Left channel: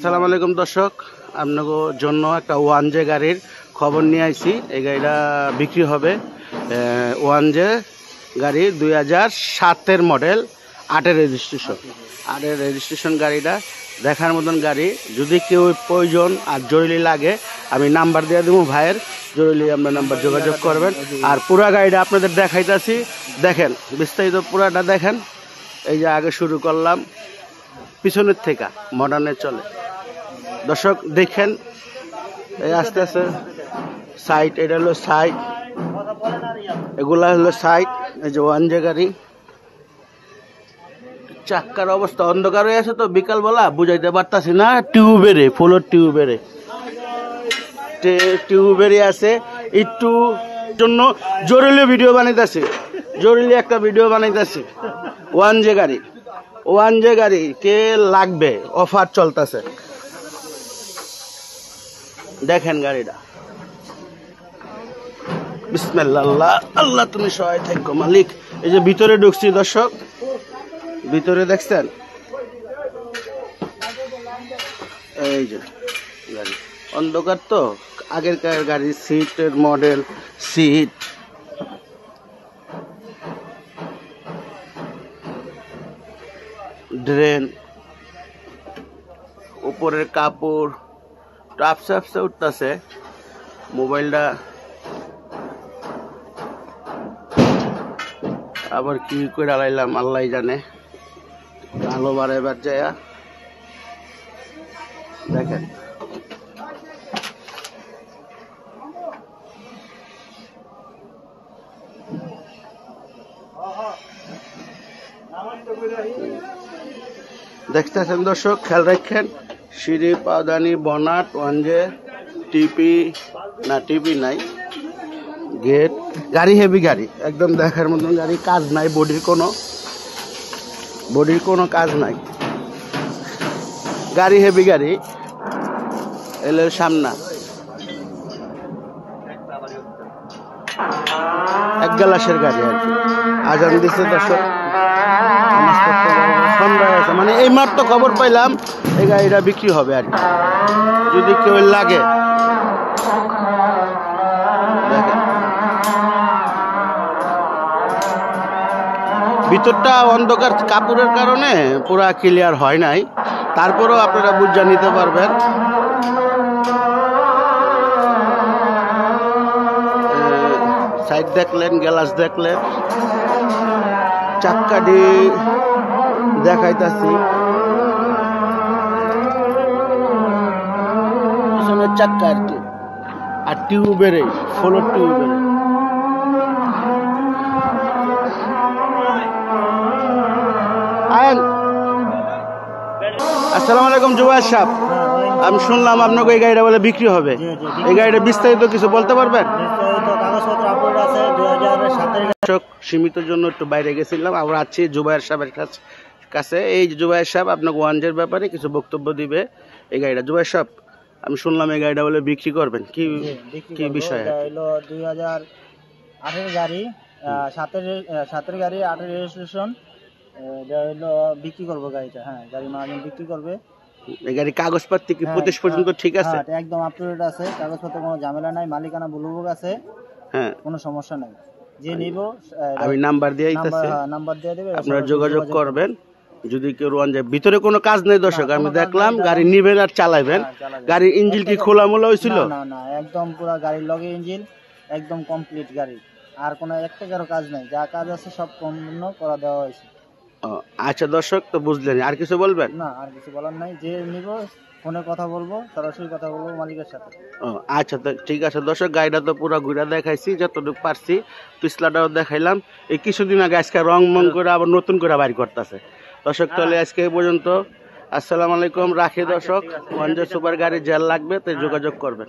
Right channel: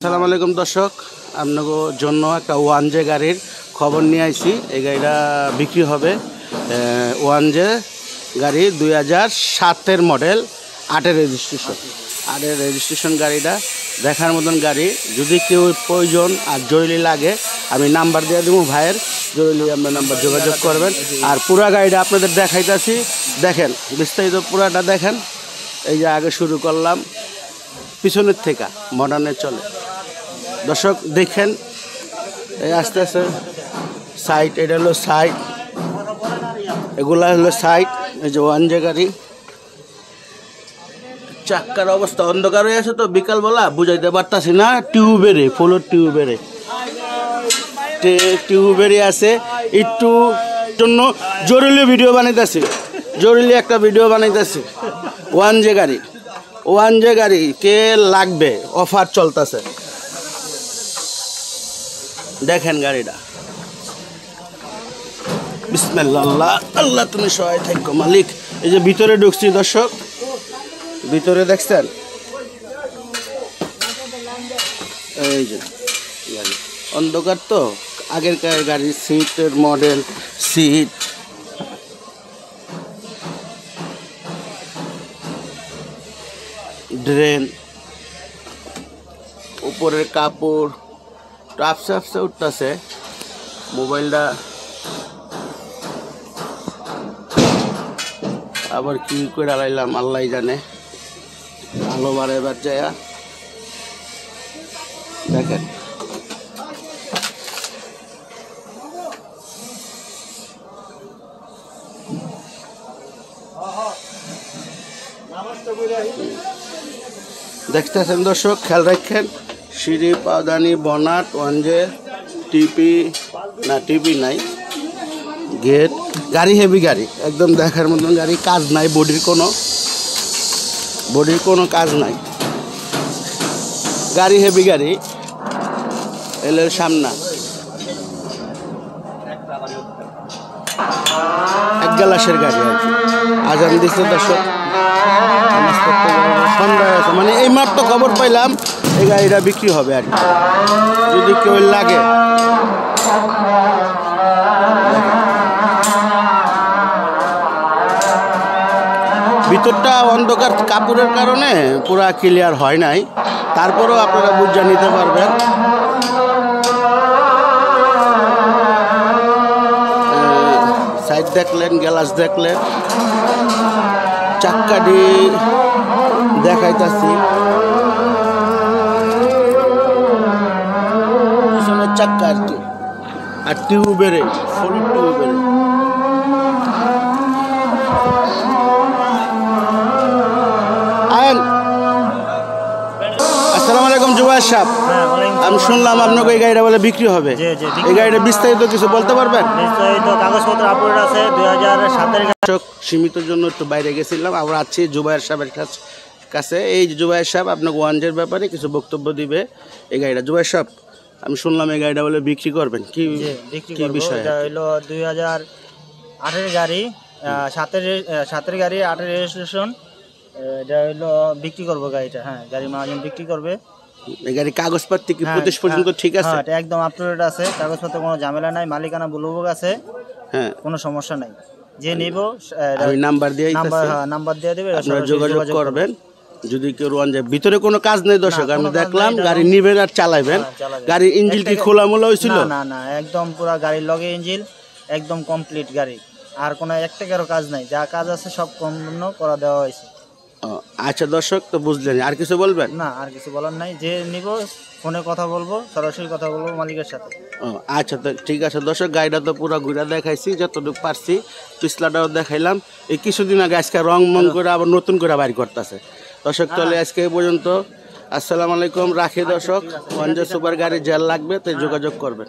আসসালামু আলাইকুম দর্শক, আপনাদের জন্য একটা 1J গাড়ির খবর নিয়ে আইছি। এই গাড়িটা বিক্রি হবে। 1J গাড়ি 2007-এর মডেল, 8-এর রেজিস্ট্রেশন গাড়িটা দেখার মতন গাড়ি। যদি কেউ প্রয়োজন আর জরুরি লাগে আমি নাম্বার দিয়ে দেবো ভাইয়ের, জরুরি আমরা নাম্বার যোগাযোগ করবেন। আর পুরা গাড়িটা আপনাদের দেখাইতেছি, দেখেন বিস্তারিত পুরাটা দেখেন। এই যে আগে শুরু করলাম পিছনের থেকে, মডার্নে চলে। দর্শক দেখেন, এই আস্তে আস্তে সাইড, এটা হলো সাইড, এগুলা হলো সাইড। এই যে 1J গাড়ি, চাক্কার অবস্থা অন্ধকার হয়ে আছে তো বিকালবেলা বুঝাইতে পারতাছি না। টিউবের ফুলোর টিউবেরই আছে। একটু জন্য জরুরি ভিডিও বানাইতেছি, জরুরি একটা ভিডিও বানাইতেছি। 1J গাড়ি কে লাগবে, অফার চলতেছে। দেখেন গাড়িটা, বিসমিল্লাহ, আল্লাহ আল্লাহ তুমি সহায় থাকো মালিক। এই যে ভিতরে ঢুকছি দর্শক, ভিতরে দেখছেন এই যে গাড়ি অন্ধকার তো, আগেরকার গাড়ির সিটের মডেল, সিট ড্রেন, উপরের কাপড় টাপসে উঠতেছে। মোবাইলটা আবার কি করে আলাইলাম আল্লাহ জানে। ভালো বারে এবার যায় দেখেন। দেখতেছেন দর্শক, খেয়াল রাখেন। সিঁড়ি, পাওদানি, বনাট, 1J, টিপি নাই, গেট। গাড়ি হেভি গাড়ি, একদম দেখার মতন গাড়ি। কাজ নাই, বডির কোনো কাজ নাই। গাড়ি হেভি গাড়ি। এলো সামনা এক গ্লাসের গাড়ি। আজান দিচ্ছে দর্শক, মানে এই মাত্র খবর পাইলাম এই গাড়িটা বিক্রি হবে। আর যদি কেউ লাগে, ভিতরটা অন্ধকার কাপড়ের কারণে পুরা ক্লিয়ার হয় নাই, তারপরেও আপনারা বুঝে নিতে পারবেন। সাইড দেখলেন, গ্লাস দেখলেন, চাক্কাটি দেখাইতেছি, পিছনের চাক্কা আর কি। আর টিউবের ফোর টিউবের। আসসালামু আলাইকুম জুবায়ের সাহেব, আমি শুনলাম আপনাকে এই গাড়িটা বলে বিক্রি হবে। এই গাড়িটা বিস্তারিত কিছু বলতে পারবেন? কাগজপত্র আপলোড আছে 2007-এর। সীমিতের জন্য একটু বাইরে গেছিলাম, আমরা আছি জুবায়ের সাহেবের কাছে। এই জুবায়ের সাহেব আপনাকে 1J-র ব্যাপারে কিছু বক্তব্য দিবে। এই গাড়িটা জুবায়ের সাহেব, আমি শুনলাম এই গাড়িটা বলে বিক্রি করবেন, কি বিষয়? এটা হলো 2008-এর গাড়ি, 7-এর গাড়ি, 8-এর রেজিস্ট্রেশন। এটা হলো বিক্রি করবো গাড়িটা। হ্যাঁ, গাড়ি মালিক বিক্রি করবে। এই গাড়ি কাগজপত্র কি 25 পর্যন্ত ঠিক আছে? একদম আপলোড আছে, কাগজপত্র কোনো ঝামেলা নাই, মালিকানা বলবো আছে। হ্যাঁ, কোনো সমস্যা নাই। যে নেব আমি নাম্বার দিয়ে নাম্বার দিয়ে দেবে, আপনারা যোগাযোগ করবেন। যদি কেউ 1J ভিতরে কোনো কাজ নেই দর্শক, আমি দেখলাম গাড়ি নিবেন আর চালাবেন। গাড়ির ইঞ্জিন কি খোলামোলা হয়েছিল? না, একদম পুরো গাড়ির লগে ইঞ্জিন একদম কমপ্লিট গাড়ি। আর কোনো একটা কাজ নাই, যা কাজ আছে সব সম্পূর্ণ করা দেওয়া হয়েছে। আচ্ছা দর্শক, তো বুঝলেন, আর কিছু বলবেন? না, আর কিছু বলার নাই। যে নিব ফোনে কথা বলবো, সরাসরি কথা বলবো মালিকের সাথে। আচ্ছা, তো ঠিক আছে দর্শক, গাড়িটা তো পুরো ঘুরে দেখাইছি যতটুকু পারছি, পিছলাটাও দেখাইলাম। এই কিছুদিন আগে আজকে রং মং করে আবার নতুন করে বাড়ি করতেছে দর্শক। তাহলে আজকে এই পর্যন্ত, আসসালামু আলাইকুম, রাখি দর্শক। 1J সুপার গাড়ি জেল লাগবে তো যোগাযোগ করবেন।